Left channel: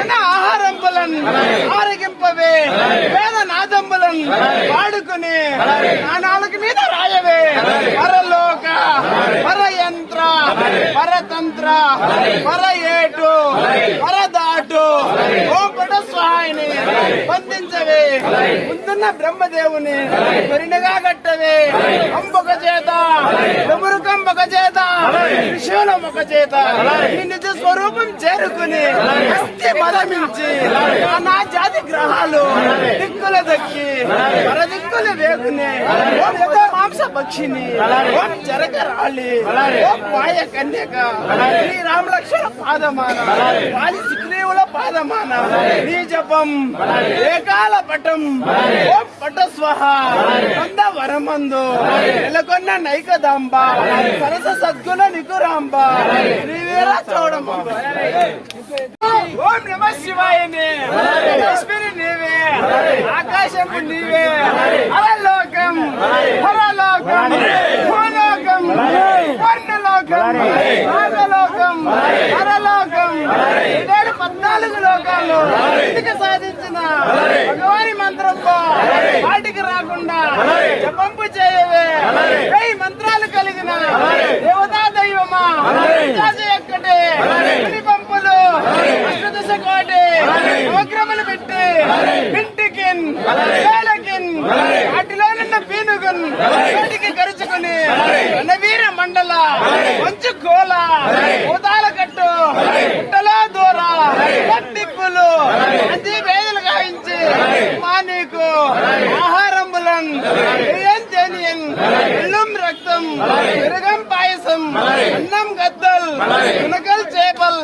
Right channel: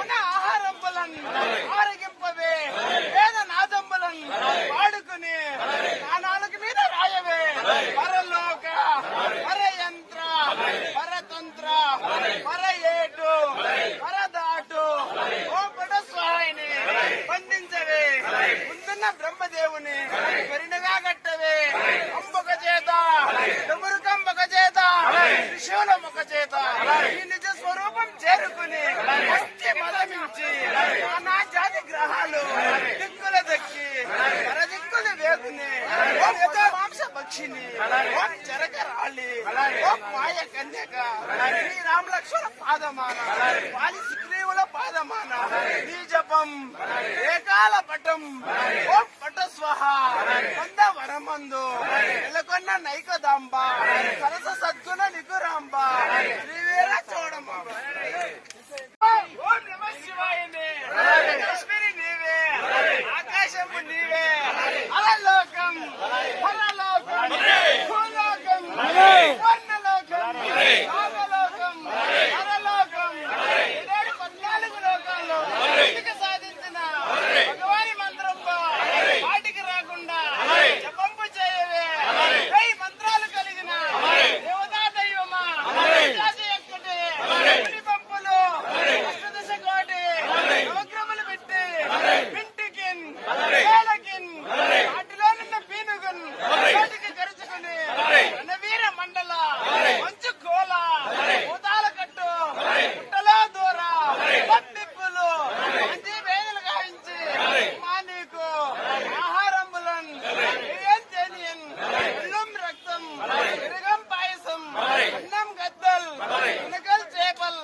ఉన్న ఆహారంబులన్ ఆరగింపవే. వేద నాదంబులన్ వాడుకుని నా నాలుగు మీద రాయవే. పరలోక పరయంత్ర పరతంత్ర పర ఏటు పరదాటు ఓం పట స్వాహిని బంధించవే ముందున్న బ్రహ్మదేవుని కొరినగా కట్టవే అంబొక చేత కంబక చేత త్రిశూలం ఒక చేత నిజ స్వరూపం చేరుకుని భక్తి మదమించి నా జాతి గ్రహాలు దిక్కుల దక్కి పర దిక్కుల వేగుని ఓం మాంస పక్షిని ఓం జరగ రాళి ఓం మాయ కన్యక శ్రీ రామ పాదమాన వాలి సుగ్రీవుల పాదమాన నీ జపం ఏకాల పటం ఓం పట స్వహ కంద వరమందు నెలకొన్న నైకదాంబ సరస సద్గుణ నికురాంబ శ్రీవీర చౌడమ్మ ఓం నమ శివాయని లక్ష్మిని నీవే. ఆకాశము నీవే. హరలోకం హరలోకం భూలోకం. వర్ణలోకం నాగలోకం. హరలోకం ఇదే లోకాలు ఇంటికి సాధించిన భగవాని మంత్రంలో వాటికి రాకుండా జపంపు చేయవే? వెయ్యి మంత్రాలు కలిగిన దేవతా దైవమా? ఎక్కడే పంపులు అష్టదశ కోటి. నవగ్రములు పెట్టి. ఇంటికిన్ వేలకిన్ వాటిలో నిన్న పీనుగున్ వాటికి గరుచుకుని రణవీర మండల మంచు కోల భూతాల కట్టు మా నీకు ఆహారంబులన్ ఏం తేనియన్ ఎల్లం రక్తం పెరుగం పాయసం అన్నం గద్దల్ మునకల్ చేపల్